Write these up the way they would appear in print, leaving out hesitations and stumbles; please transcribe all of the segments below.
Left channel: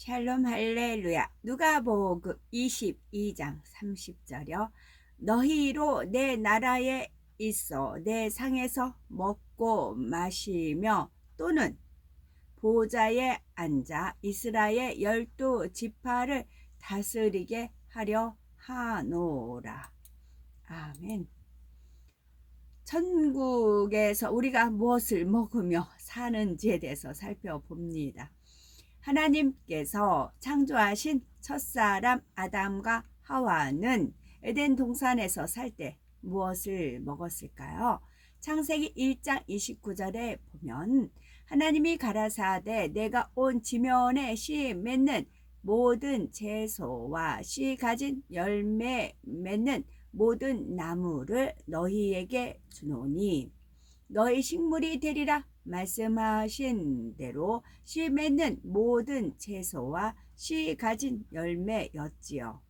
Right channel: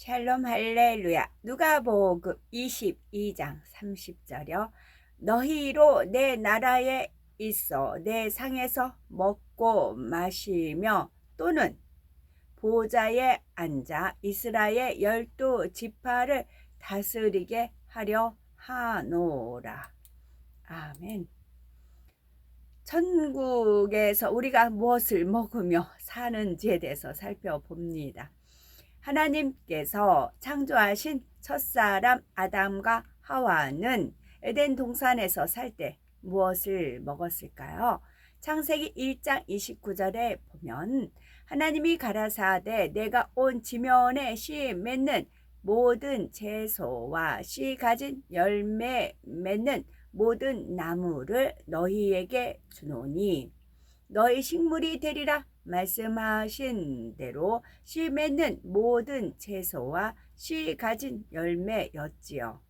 샬롬 할렐루야. 누가복음 22장 30절이요. 너희로 내 나라에 있어 내 상에서 먹고 마시며 또는 보좌에 앉아 이스라엘 12지파를 다스리게 하려 하노라. 아멘. 천국에서 우리가 무엇을 먹으며 사는지에 대해서 살펴봅니다. 하나님께서 창조하신 첫사람 아담과 하와는 에덴 동산에서 살 때 무엇을 먹었을까요? 창세기 1장 29절에 보면 하나님이 가라사대 내가 온 지면에 씨 맺는 모든 채소와 씨 가진 열매 맺는 모든 나무를 너희에게 주노니 너희 식물이 되리라 말씀하신 대로 씨 맺는 모든 채소와 씨 가진 열매였지요.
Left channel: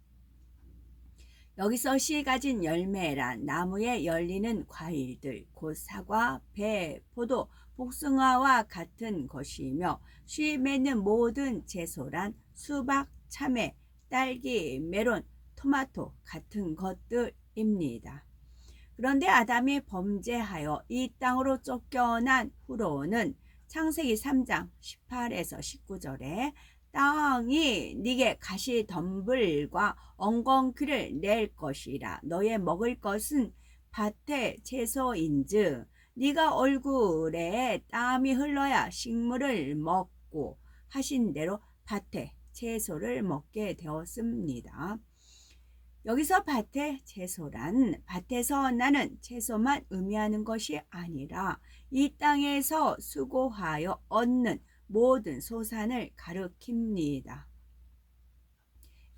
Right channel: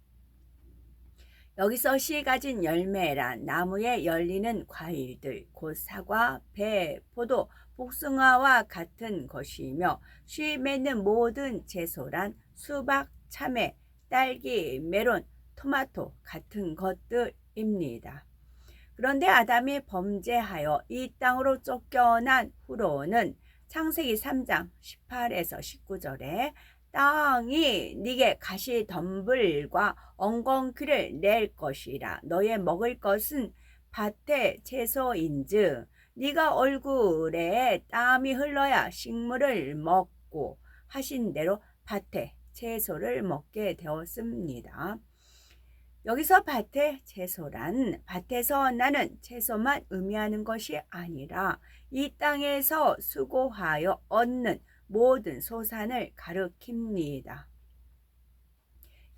여기서 씨 가진 열매란 나무에 열리는 과일들, 곧 사과, 배, 포도, 복숭아와 같은 것이며 씨 맺는 모든 채소란 수박, 참외, 딸기, 메론, 토마토 같은 것들입니다. 그런데 아담이 범죄하여 이 땅으로 쫓겨난 후로는 창세기 3장 18에서 19절에 땅이 네게 가시덤불과 엉겅퀴를 낼 것이라 너의 먹을 것은 밭의 채소인즉 네가 얼굴에 땀이 흘러야 식물을 먹고 하신 대로 밭의 채소를 먹게 되었습니다. 여기서 밭의 채소란 밭에서 나는 채소만 의미하는 것이 아니라 이 땅에서 수고하여 얻는 모든 소산을 가리킵니다.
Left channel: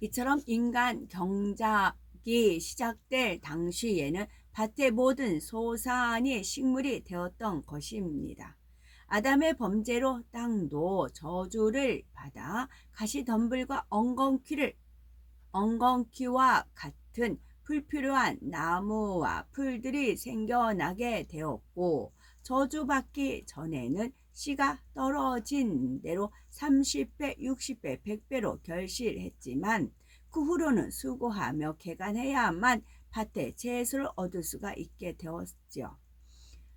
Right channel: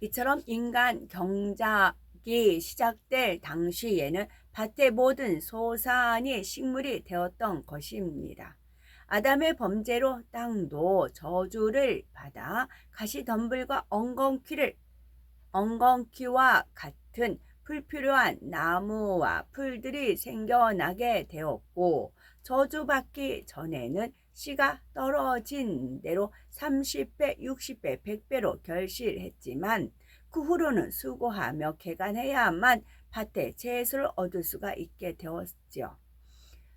이처럼 인간 경작이 시작될 당시에는 밭의 모든 소산이 식물이 되었던 것입니다. 아담의 범죄로 땅도 저주를 받아 가시덤불과 엉겅퀴와 같은 불필요한 나무와 풀들이 생겨나게 되었고 저주받기 전에는 씨가 떨어진 대로 30배, 60배, 100배로 결실했지만 그 후로는 수고하며 개간해야만 밭에 채소를 얻을 수가 있게 되었죠.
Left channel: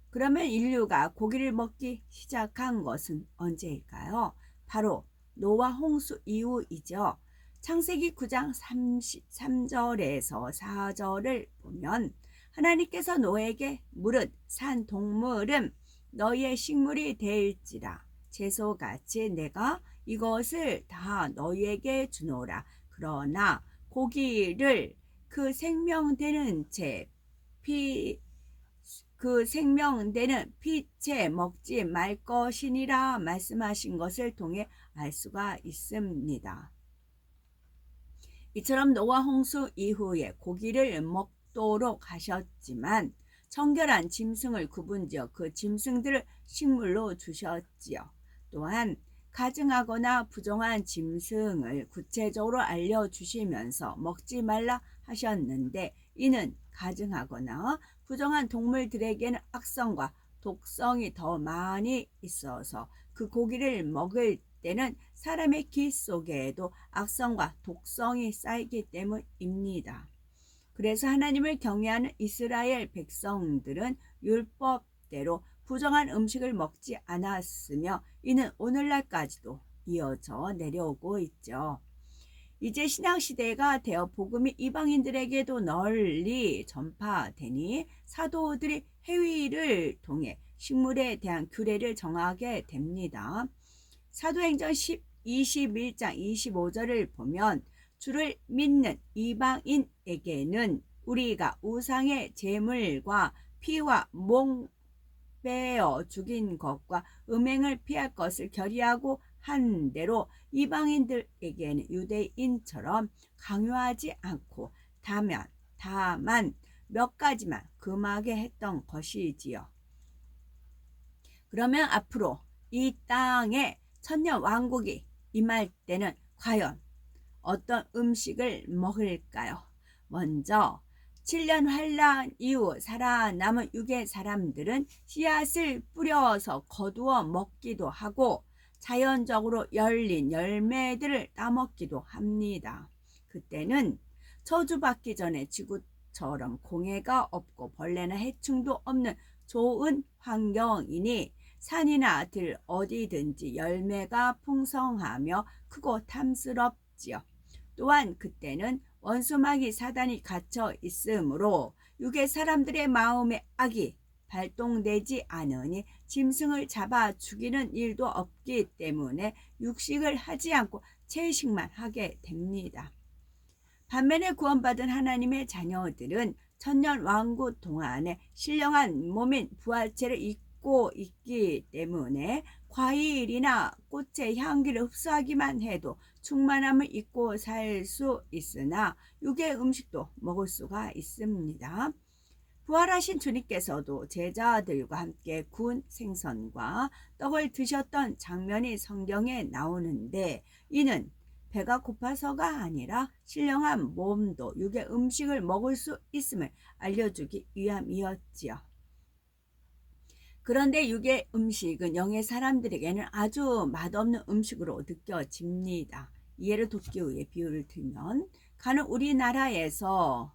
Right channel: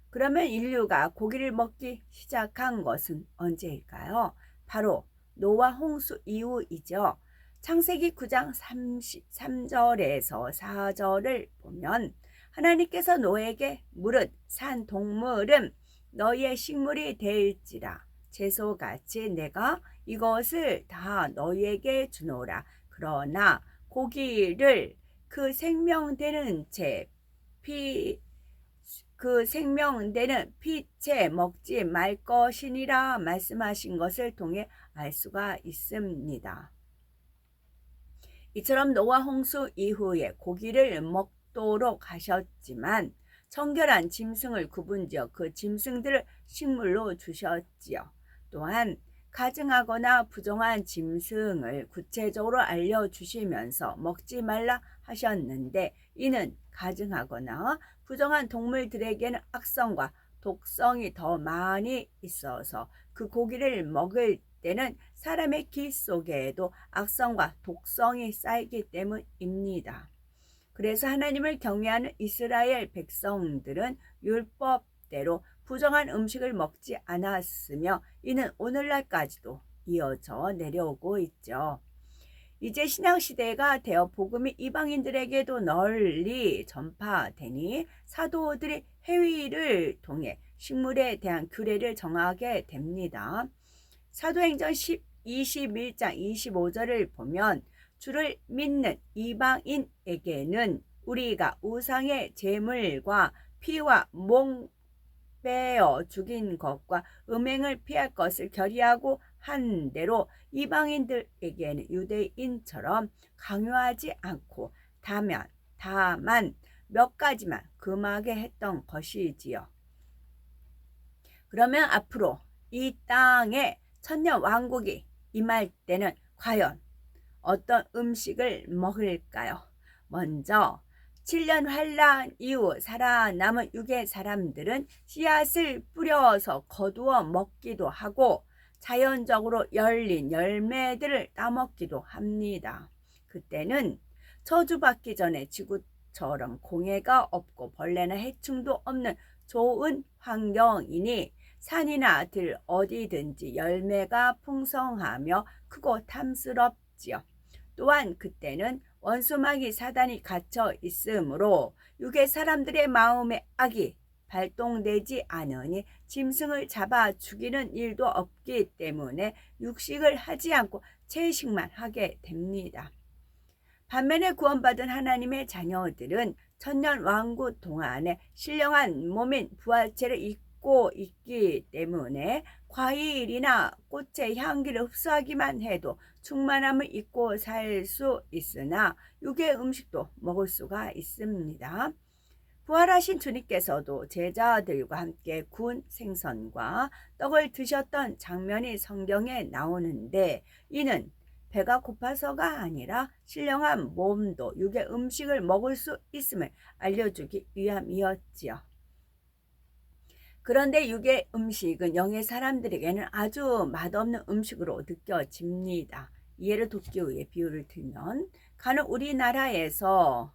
그러면 인류가 고기를 먹기 시작한 것은 언제일까요? 바로 노아 홍수 이후이죠. 창세기 9장 33절에서 4절을 보면 하나님께서 노아에게 물은 산 동물은 너희의 식물이 될지라 채소같이 내가 이것을 다 너희에게 주노라. 그러나 고기를 그 생명되는 피채 먹지 말 것이니라 말씀하신 것을 통해 알 수가 있습니다. 이처럼 노아 홍수 이후에 고기를 먹도록 하셨지만 청결한 짐승을 구분지어 그 짐승들을 식물로 주셨지요. 또한 가증하거나 부정한 짐승을 구체적으로 알려주시면서 먹지 말라 하셨는데 이는 가증하거나 부정한 동물들에게는 악성과 독성이 더 많이 있어서 그 고기를 먹을 때는 사람의 기 속에도 악성과 독성이 쌓이기 때문입니다. 그래서 하나님을 경외하는 이스라엘 백성들은 율법대로 부정한 음식을 먹지 않았으며 이는 오늘날까지도 이어져 내려오고 있죠. 이제 신약시대가 되어 복음이 이방인들에게도 널리 전파되니 사도들이 해위를 통해 식물에 대한 규례를 정하게 됩니다. 사도행전 21장 25절을 보면 주를 믿는 이방인에게는 우리가 우상의 제물과 피와 목 빼어 죽인 것과 음행을 피할 것을 결의하고 한 대로 이방인들에게는 유대인처럼 강요하지 않고 다만 몇 가지만 금하게 했던 것이지요. 그러면 앞으로 이 땅에 천년 왕국이 임할 때는 과연 어떤 음식을 먹을까요? 먼저 7년 환란 이후 살아남은 유괴 사람들은 씨앗을 뿌려서 거두어 먹기도 하고 자연적으로 열린 열매들을 따먹기도 합니다. 그때는 저주받기 전에 지구처럼 공해가 없고 벌레나 해충도 없는 좋은 환경이니 산이나 들 어디든지 열매가 풍성하며 크고 탐스럽지요. 또한 그때는 원수마귀 사단이 갇혀 있으므로 육의 사람들의 마음에 악이 발동되지 않으니 짐승을 잡아 죽이는 일도 없기 때문에 육식을 하지 않고 채식만 하게 됩니다. 반면에 구원받은 하나님의 자녀들은 천년 왕국 동안에 신령한 몸인 부활체를 입고 있기 때문에 과일이나 꽃의 향기를 흡수하기만 해도 충만함을 잊고 살 수 있으나 육의 음식도 먹을 수가 있습니다. 부활하신 주님께서도 제자들과 함께 구운 생선과 떡을 드셨던 장면이 성경에 나오는데 이는 배가 고파서가 아니라 신령한 몸도 육의 음식을 먹을 수 있음을 알려주기 위함이었지요. 그런데 육의 음식은 영의 사람들에게는 아주 맛없는 음식으로 느껴집니다. 이해를 돕기 위해 비유를 들면 가는 우리나라에서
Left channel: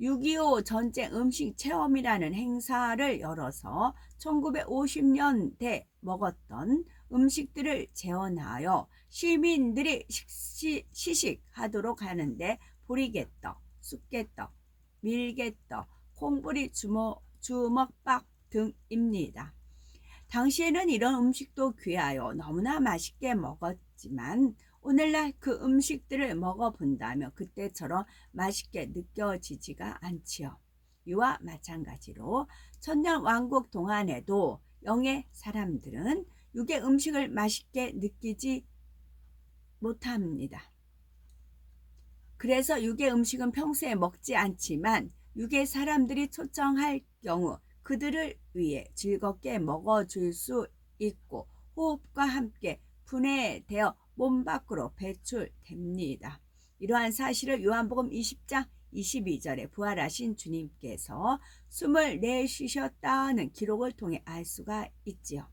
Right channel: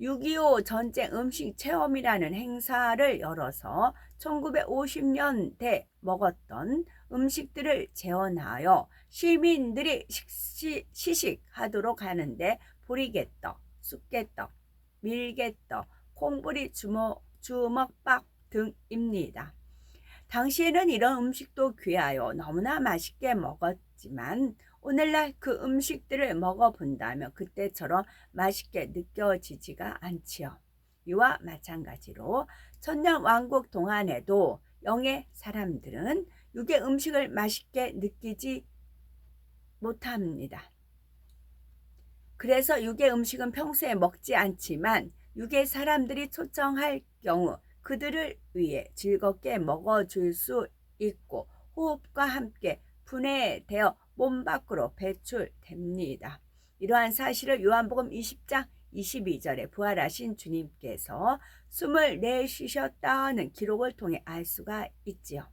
6.25 전쟁 음식 체험이라는 행사를 열어서 1950년대 먹었던 음식들을 재현하여 시민들이 시식하도록 하는데 보리개떡, 쑥개떡, 밀개떡, 콩보리 주먹밥 등입니다. 당시에는 이런 음식도 귀하여 너무나 맛있게 먹었지만 오늘날 그 음식들을 먹어본다면 그때처럼 맛있게 느껴지지가 않지요. 이와 마찬가지로 천년왕국 동안에도 영의 사람들은 육의 음식을 맛있게 느끼지 못합니다. 그래서 육의 음식은 평소에 먹지 않지만 육의 사람들이 초청할 경우 그들을 위해 즐겁게 먹어줄 수 있고 호흡과 함께 분해되어 몸 밖으로 배출됩니다. 이러한 사실을 요한복음 20장 22절에 부활하신 주님께서 숨을 내쉬셨다는 기록을 통해 알 수가 있지요.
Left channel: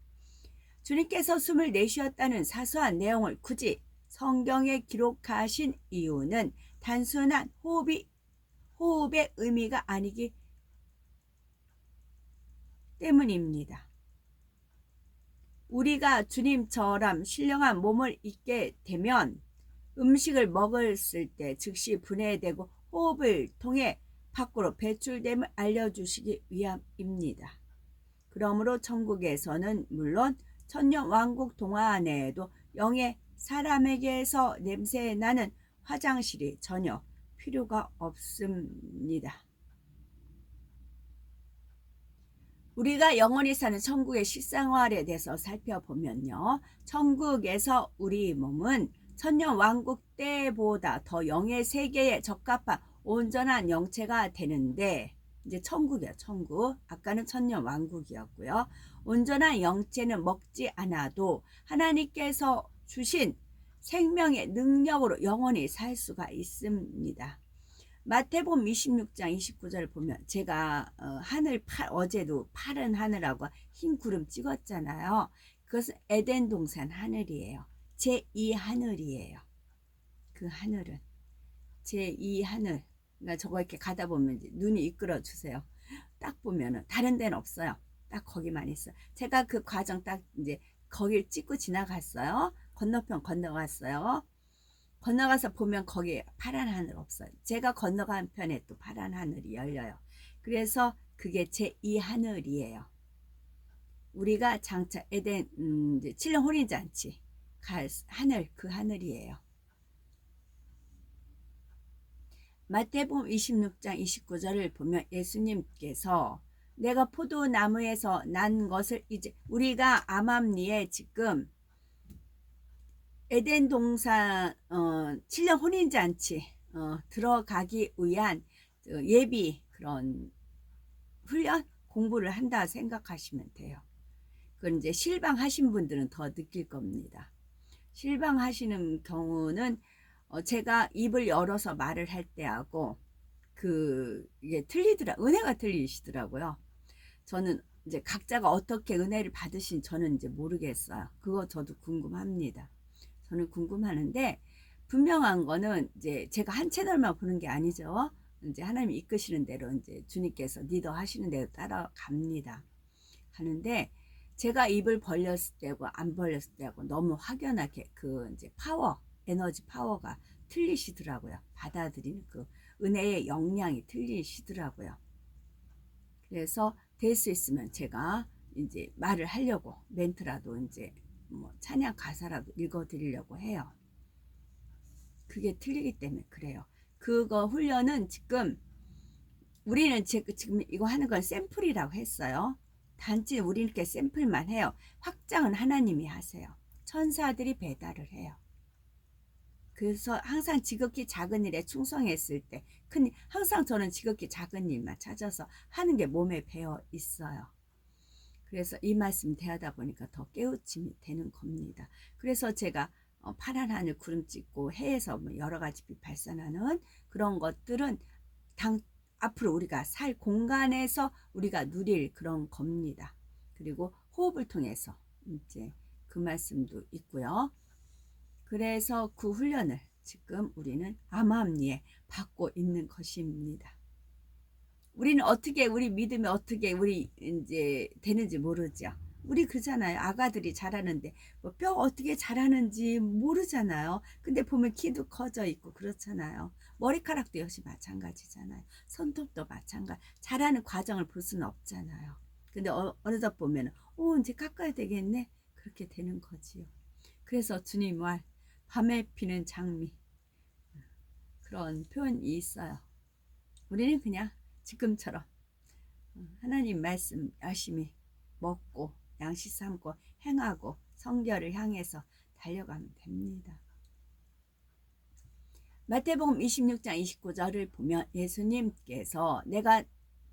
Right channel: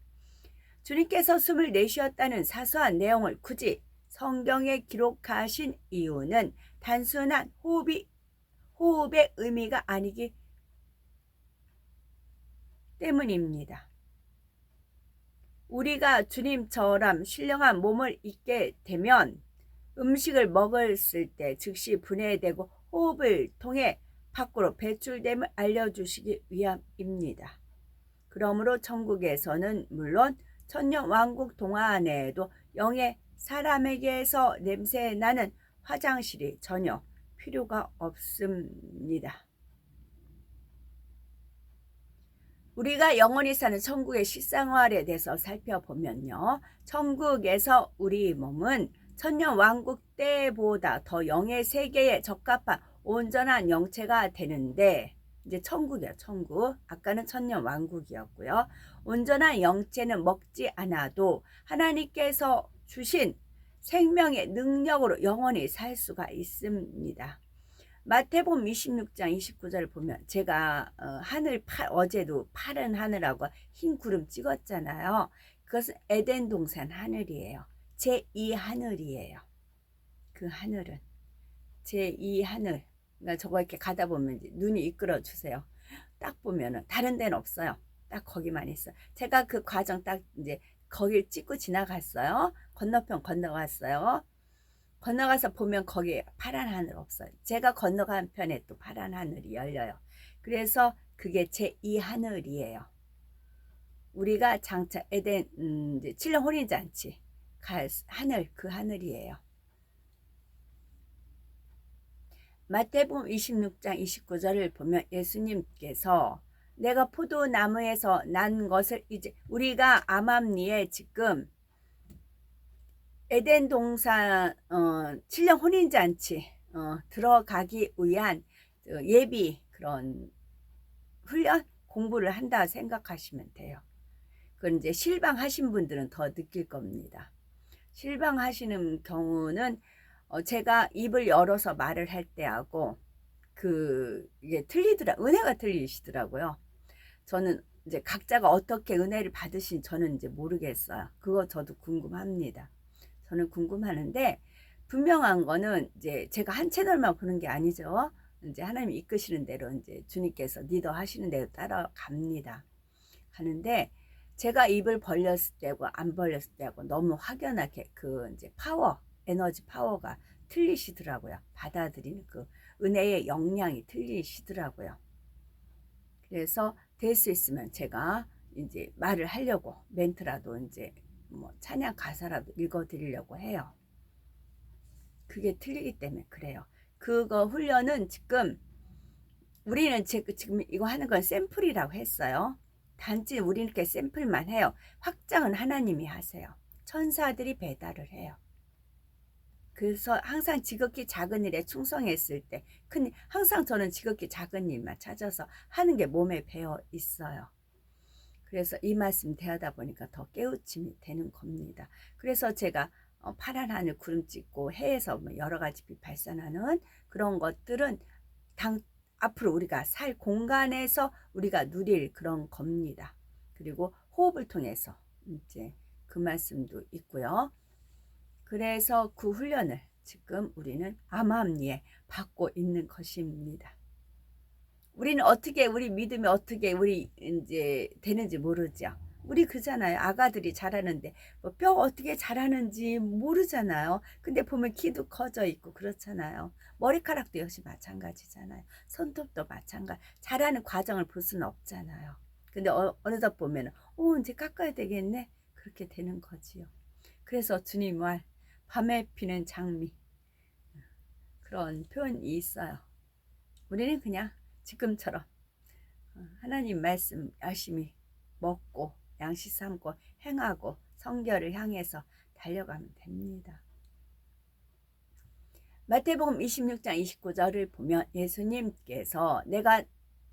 주님께서 숨을 내쉬었다는 사소한 내용을 굳이 성경에 기록하신 이유는 단순한 호흡의 의미가 아니기 때문입니다. 우리가 주님처럼 신령한 몸을 입게 되면 음식을 먹었을 때 즉시 분해되고 호흡을 통해 밖으로 배출됨을 알려주시기 위함입니다. 그러므로 천국에서는 물론 천년왕국 동안에도 영의 사람에게서 냄새나는 화장실이 전혀 필요가 없습니다. 우리가 영원히 사는 천국의 식생활에 대해서 살펴보면요. 천국에서 우리 몸은 천년왕국 때보다 더 영의 세계에 적합한 온전한 영체가 되는데 이제 천국이요. 천국. 아까는 천년왕국이었고요. 온전한 영체는 먹지 않아도 하나님께서 주신 생명의 능력으로 영원히 살 수가 있습니다. 마태복음 26장 29절을 보면 제가 어제도 파란 하늘하고 흰 구름 찍었잖아요. 그것은 에덴 동산 하늘이에요. 제2 하늘이에요. 그 하늘은 제2 하늘. 그러니까 저거 이렇게 가다 보면 눈이 이끌어 주세요. 딱 보면은 다른 데는 없어요. 딱 거기만 있어요. 제가 그 과정 딱 이제 거길 찍고 지나갔어요. 건너편 건너갔어요. 건너가서 보면 거기에 파란 하늘 없어요. 제가 건너간 편에 또 파란 하늘이 열려요. 그래서 그게 제2 하늘이에요. 우리가 장차 에덴 이제 7년 혼인잔치 갈 하늘, 그 하늘이에요. 마태복음 26장 29절을 보면 예수님께서 내가 포도나무에서 난 것을 이제 우리가 암암리에 지금 에덴 동산 7년 혼인잔치 들어가기 위한 예비 그런 훈련 공부를 한다 생각하시면 돼요. 그건 이제 실방하신 분들은 더 느낄 겁니다. 실방하시는 경우는 제가 입을 열어서 말을 할 때하고 이게 틀리더라. 은혜가 틀리시더라고요. 저는 이제 각자가 어떻게 은혜를 받으신 저는 이제 모르겠어요. 그거 저도 궁금합니다. 저는 궁금하는데 분명한 거는 이제 제가 한 채널만 보는 게 아니죠. 이제 하나님이 이끄시는 대로 이제 주님께서 리더 하시는 대로 따라갑니다. 가는데 제가 입을 벌렸을 때고 안 벌렸을 때고 너무 확연하게 그 이제 에너지 파워가 틀리시더라고요. 받아들이는 그 은혜의 역량이 틀리시더라고요. 그래서 될 수 있으면 제가 이제 말을 하려고 멘트라도 이제 뭐 찬양 가사라도 읽어드리려고 해요. 그게 틀리기 때문에 그래요. 그거 훈련은 지금 우리는 지금 이거 하는 건 샘플이라고 했어요. 단지 우리는 이렇게 샘플만 해요. 확장은 하나님이 하세요. 천사들이 배달을 해요. 그래서 항상 지극히 작은 일에 충성했을 때 항상 저는 지극히 작은 일만 찾아서 하는 게 몸에 배어 있어요. 그래서 이 말씀 대하다 보니까 더 깨우침이 되는 겁니다. 그래서 제가 파란 하늘 구름 찍고 해에서 여러 가지 빛 발산하는 그런 것들은 앞으로 우리가 살 공간에서 우리가 누릴 그런 겁니다. 그리고 호흡을 통해서 이제 그 말씀도 있고요. 그래서 그 훈련을 지금 우리는 암암리에 받고 있는 것입니다. 우리는 어떻게 우리 믿음이 어떻게 우리 이제 되는지 모르죠. 우리 그잖아요. 아가들이 자라는데 뭐 뼈 어떻게 자라는지 모르잖아요. 근데 보면 키도 커져 있고 그렇잖아요. 머리카락도 역시 마찬가지잖아요. 손톱도 마찬가지. 자라는 과정을 볼 수는 없잖아요. 근데 어느덧 보면 이제 깎아야 되겠네. 그렇게 되는 거지요. 그래서 주님 말 밤에 피는 장미 그런 표현이 있어요. 우리는 그냥 지금처럼 하나님 말씀 열심히 먹고 양식 삼고 행하고 성결을 향해서 달려가면 됩니다. 마태복음 26장 29절을 보면 예수님께서 내가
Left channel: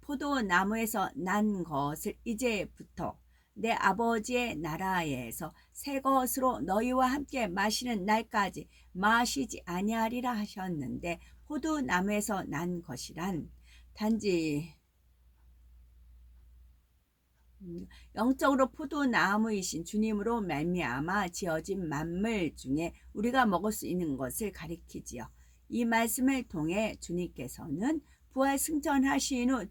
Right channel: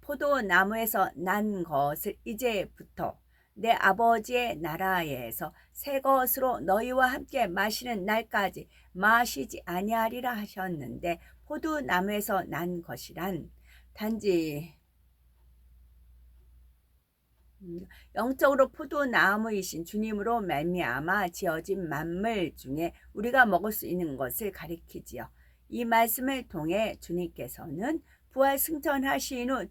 포도나무에서 난 것을 이제부터 내 아버지의 나라에서 새 것으로 너희와 함께 마시는 날까지 마시지 아니하리라 하셨는데 포도나무에서 난 것이란 단지 영적으로 포도나무이신 주님으로 말미암아 지어진 만물 중에 우리가 먹을 수 있는 것을 가리키지요. 이 말씀을 통해 주님께서는 부활 승천하신 후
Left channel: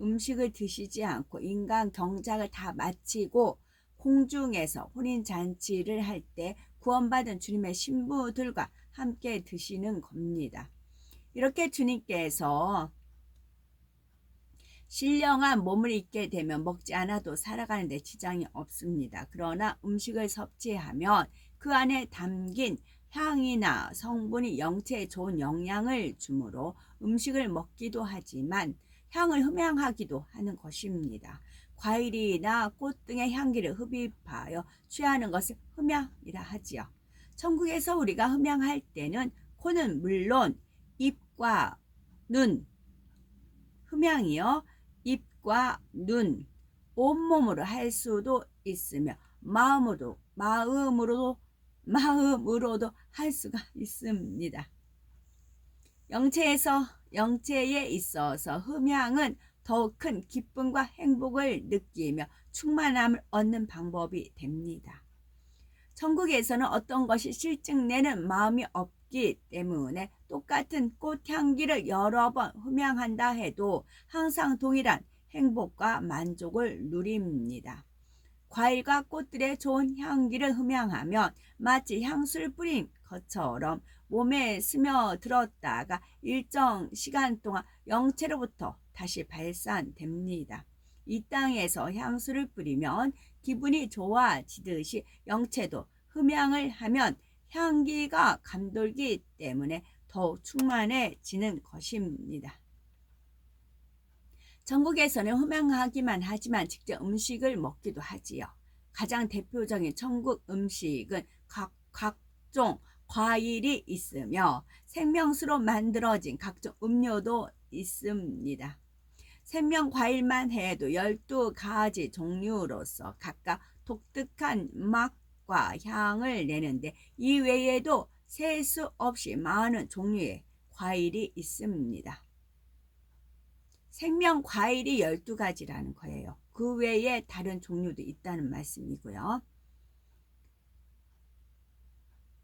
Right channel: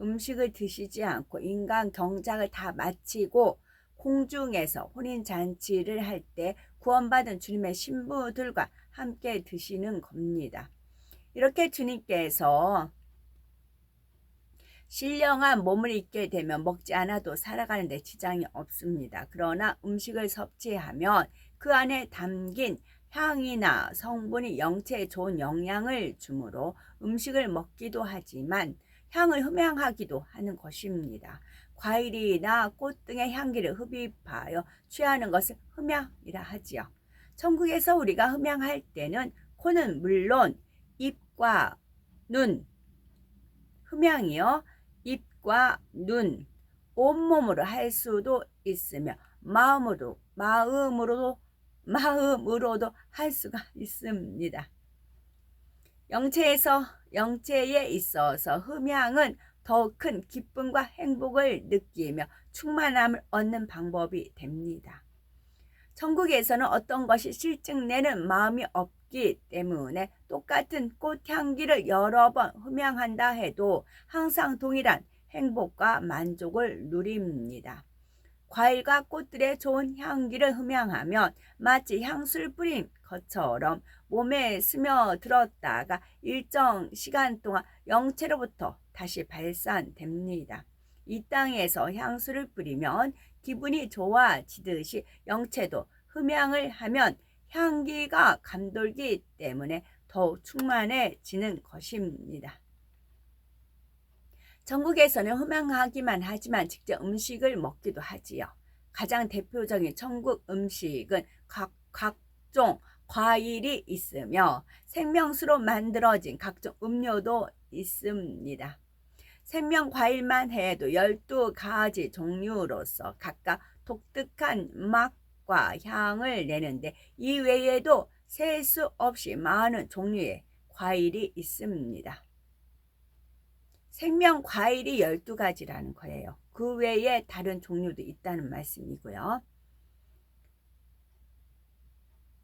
음식을 드시지 않고 인간 경작을 다 마치고 공중에서 혼인잔치를 할 때 구원받은 주님의 신부들과 함께 드시는 겁니다. 이렇게 주님께서 신령한 몸을 입게 되면 먹지 않아도 살아가는 데 지장이 없습니다. 그러나 음식을 섭취하면 그 안에 담긴 향이나 성분이 영체에 좋은 영향을 주므로 음식을 먹기도 하지만 향을 흠양하기도 하는 것입니다. 과일이나 꽃 등의 향기를 흡입하여 취하는 것을 흠양이라 하지요. 천국에서 우리가 흠양할 때는 코는 물론 입과 눈, 흠양이요. 입과 눈, 온몸으로 할 수도 있으며 마음으로도 할 수가 있습니다. 영체에 있어서 흠양은 더욱 큰 기쁨과 행복을 느끼며 충만함을 얻는 방법이 됩니다. 천국에서는 어떤 것이 실증내는 마음이 없기 때문에 똑같은 꽃향기를 여러 번 흠양한다 해도 항상 동일한 행복과 만족을 누립니다. 과일과 꽃들의 좋은 향기를 흠양하면 마치 향수를 뿌린 것처럼 몸에 스며들었다가 일정 시간 동안 영체로부터 다시 발산됩니다. 이 땅에서 향수를 뿌리면 기분이 좋아지듯이 영체도 흠양을 하면 향기가 감돌기 때문에 더욱 충만해지는 것입니다. 천국에서는 흠양하기만 하지만 직접 음식을 먹기도 하지요. 가장 대표적인 천국 음식은 각종 과일이 있으며 생명수로 만들어진 각종 음료도 있습니다. 생명 과일만 해도 12가지 종류로서 각각 독특한 맛과 향을 내는데 이 외에도 셀 수 없이 많은 종류의 과일이 있습니다. 생명 과일이 12가지라는 거예요. 그 외에 다른 종류도 있다는 말씀이고요.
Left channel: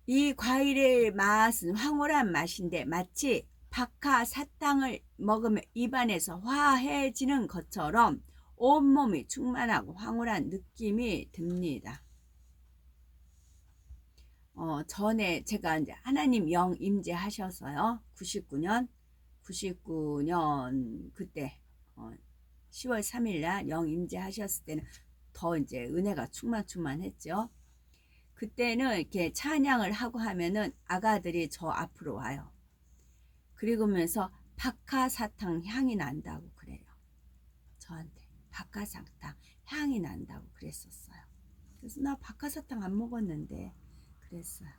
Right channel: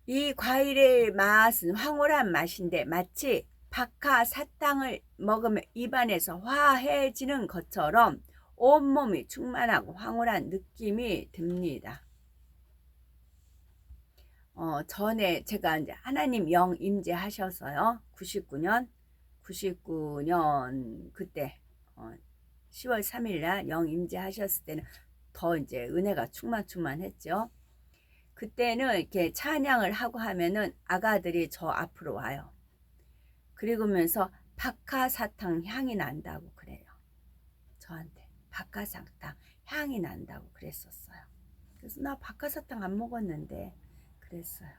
이 과일의 맛은 황홀한 맛인데 마치 박하사탕을 먹으면 입안에서 화해지는 것처럼 온몸이 충만하고 황홀한 느낌이 듭니다. 전에 제가 이제 하나님 영 임재하셔서요. 99년 그때 10월 3일 날 영 임재하셨을 때는 더 이제 은혜가 충만했죠. 그때는 이렇게 찬양을 하고 하면은 아가들이 저 앞으로 와요. 그리고면서 박하사탕 향이 난다고 그래요. 저한테 박하사탕 향이 난다고 그랬었어요. 그래서 나 박하사탕 안 먹었는데 그랬어요.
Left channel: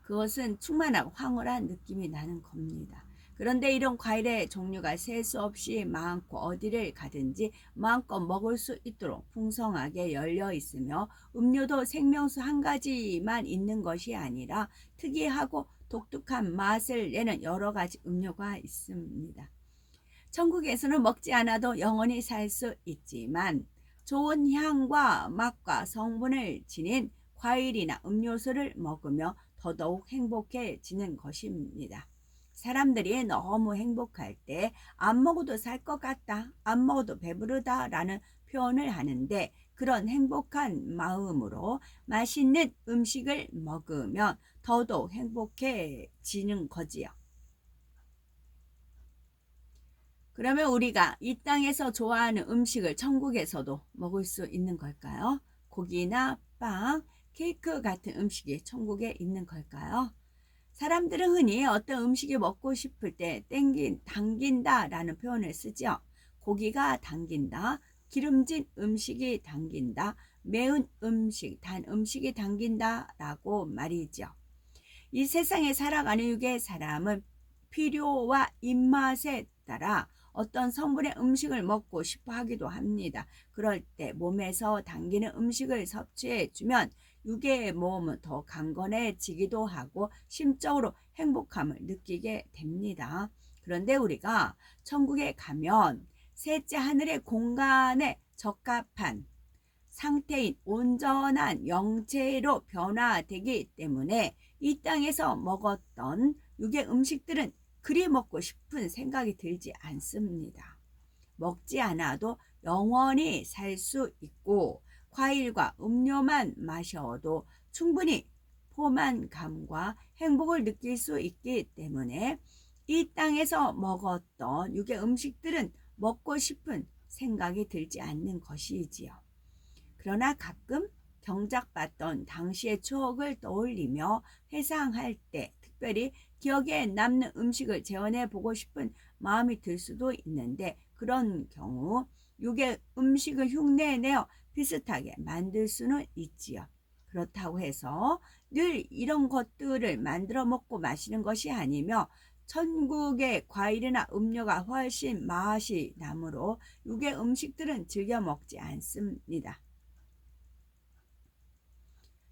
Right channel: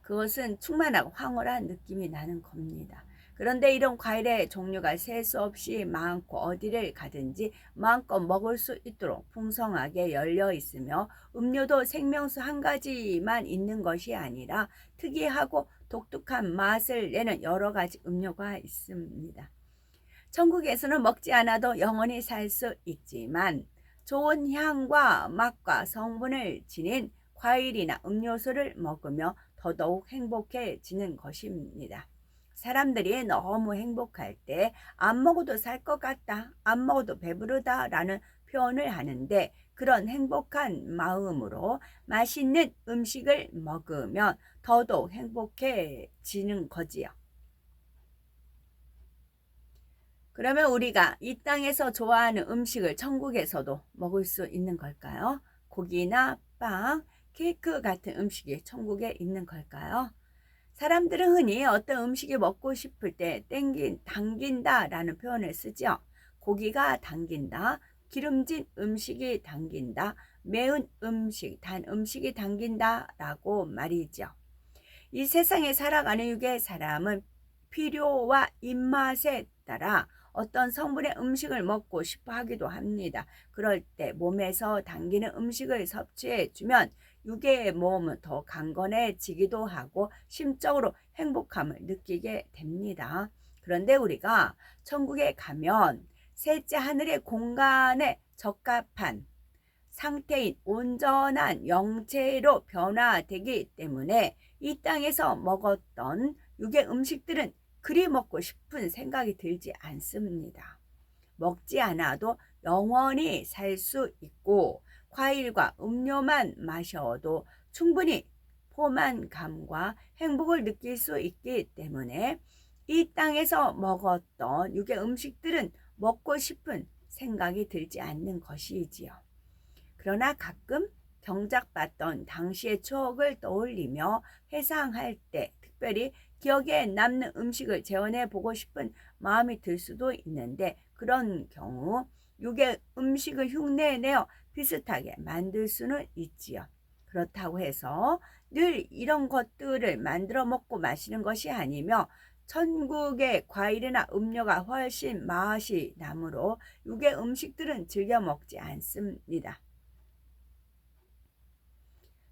그것은 충만하고 황홀한 느낌이 나는 겁니다. 그런데 이런 과일의 종류가 셀 수 없이 많고 어디를 가든지 마음껏 먹을 수 있도록 풍성하게 열려 있으며 음료도 생명수 한 가지만 있는 것이 아니라 특이하고 독특한 맛을 내는 여러 가지 음료가 있습니다. 천국에서는 먹지 않아도 영원히 살 수 있지만 좋은 향과 맛과 성분을 지닌 과일이나 음료수를 먹으며 더더욱 행복해지는 것입니다. 사람들이 너무 행복할 때 안 먹어도 살 것 같다, 안 먹어도 배부르다 라는 표현을 하는데 그런 행복한 마음으로 맛있는 음식을 먹으면 더더욱 행복해지는 거지요. 그러면 우리가 이 땅에서 좋아하는 음식을 천국에서도 먹을 수 있는 걸까요? 고기나 빵, 케이크 같은 음식이 천국에 있는 걸까요? 사람들은 흔히 어떤 음식이 먹고 싶을 때 당긴다 라는 표현을 쓰죠. 고기가 당긴다, 기름진 음식이 당긴다, 매운 음식, 단 음식이 당긴다 라고 말이죠. 이 세상에 살아가는 육의 사람은 필요와 입맛에 따라 어떤 성분의 음식을 먹고 싶어 하기도 합니다. 그럴 때 몸에서 당기는 음식을 섭취해 주면 육의 몸은 더 강건해지기도 하고 심적으로 행복함을 느끼게 됩니다. 그런데 우리가 천국에 가면 셋째 하늘의 공간에 적합한 상태인 온전한 영체로 변화되기 때문에 이 땅에서 먹었던 육의 음식들은 그리 먹고 싶은 생각이 들지 않습니다. 먹지 않아도 영원히 살 수 있고 과일과 음료만 마셔도 충분히 포만감과 행복을 느낄 수 있기 때문에 이 땅에서 먹었던 육의 음식들은 먹고 싶은 생각이 들지 않는 것이지요. 그러나 가끔 경작받던 당시의 추억을 떠올리며 회상할 때 특별히 기억에 남는 음식을 재현해 보고 싶은 마음이 들 수도 있는데 그런 경우 육의 음식을 흉내내어 비슷하게 만들 수는 있지요. 그렇다고 해서 늘 이런 것들을 만들어 먹고 마시는 것이 아니며 천국의 과일이나 음료가 훨씬 맛이 나므로 육의 음식들은 즐겨 먹지 않습니다.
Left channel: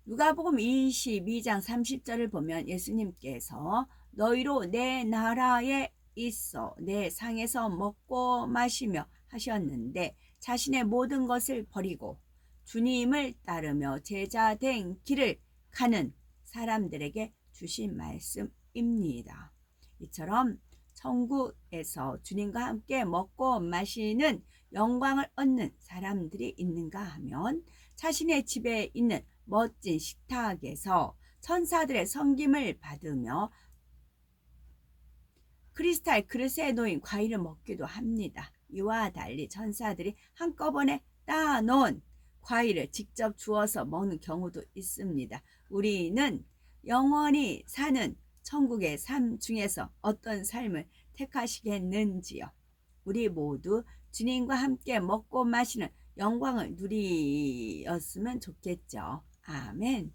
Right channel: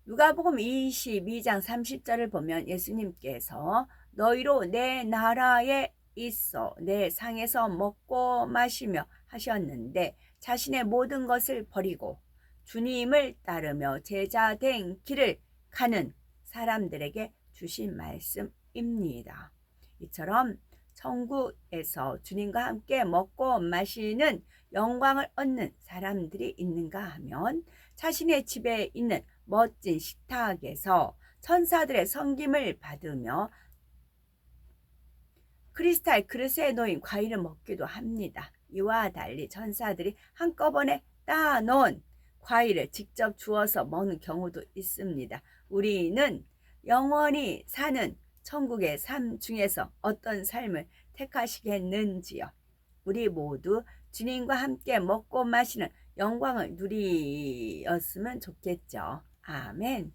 누가복음 22장 30절을 보면 예수님께서 너희로 내 나라에 있어 내 상에서 먹고 마시며 하셨는데 자신의 모든 것을 버리고 주님을 따르며 제자된 길을 가는 사람들에게 주신 말씀입니다. 이처럼 천국에서 주님과 함께 먹고 마시는 영광을 얻는 사람들이 있는가 하면 자신의 집에 있는 멋진 식탁에서 천사들의 섬김을 받으며 크리스탈 그릇에 놓인 과일을 먹기도 합니다. 이와 달리 천사들이 한꺼번에 따놓은 과일을 직접 주어서 먹는 경우도 있습니다. 우리는 영원히 사는 천국의 삶 중에서 어떤 삶을 택하시겠는지요? 우리 모두 주님과 함께 먹고 마시는 영광을 누리었으면 좋겠죠. 아멘.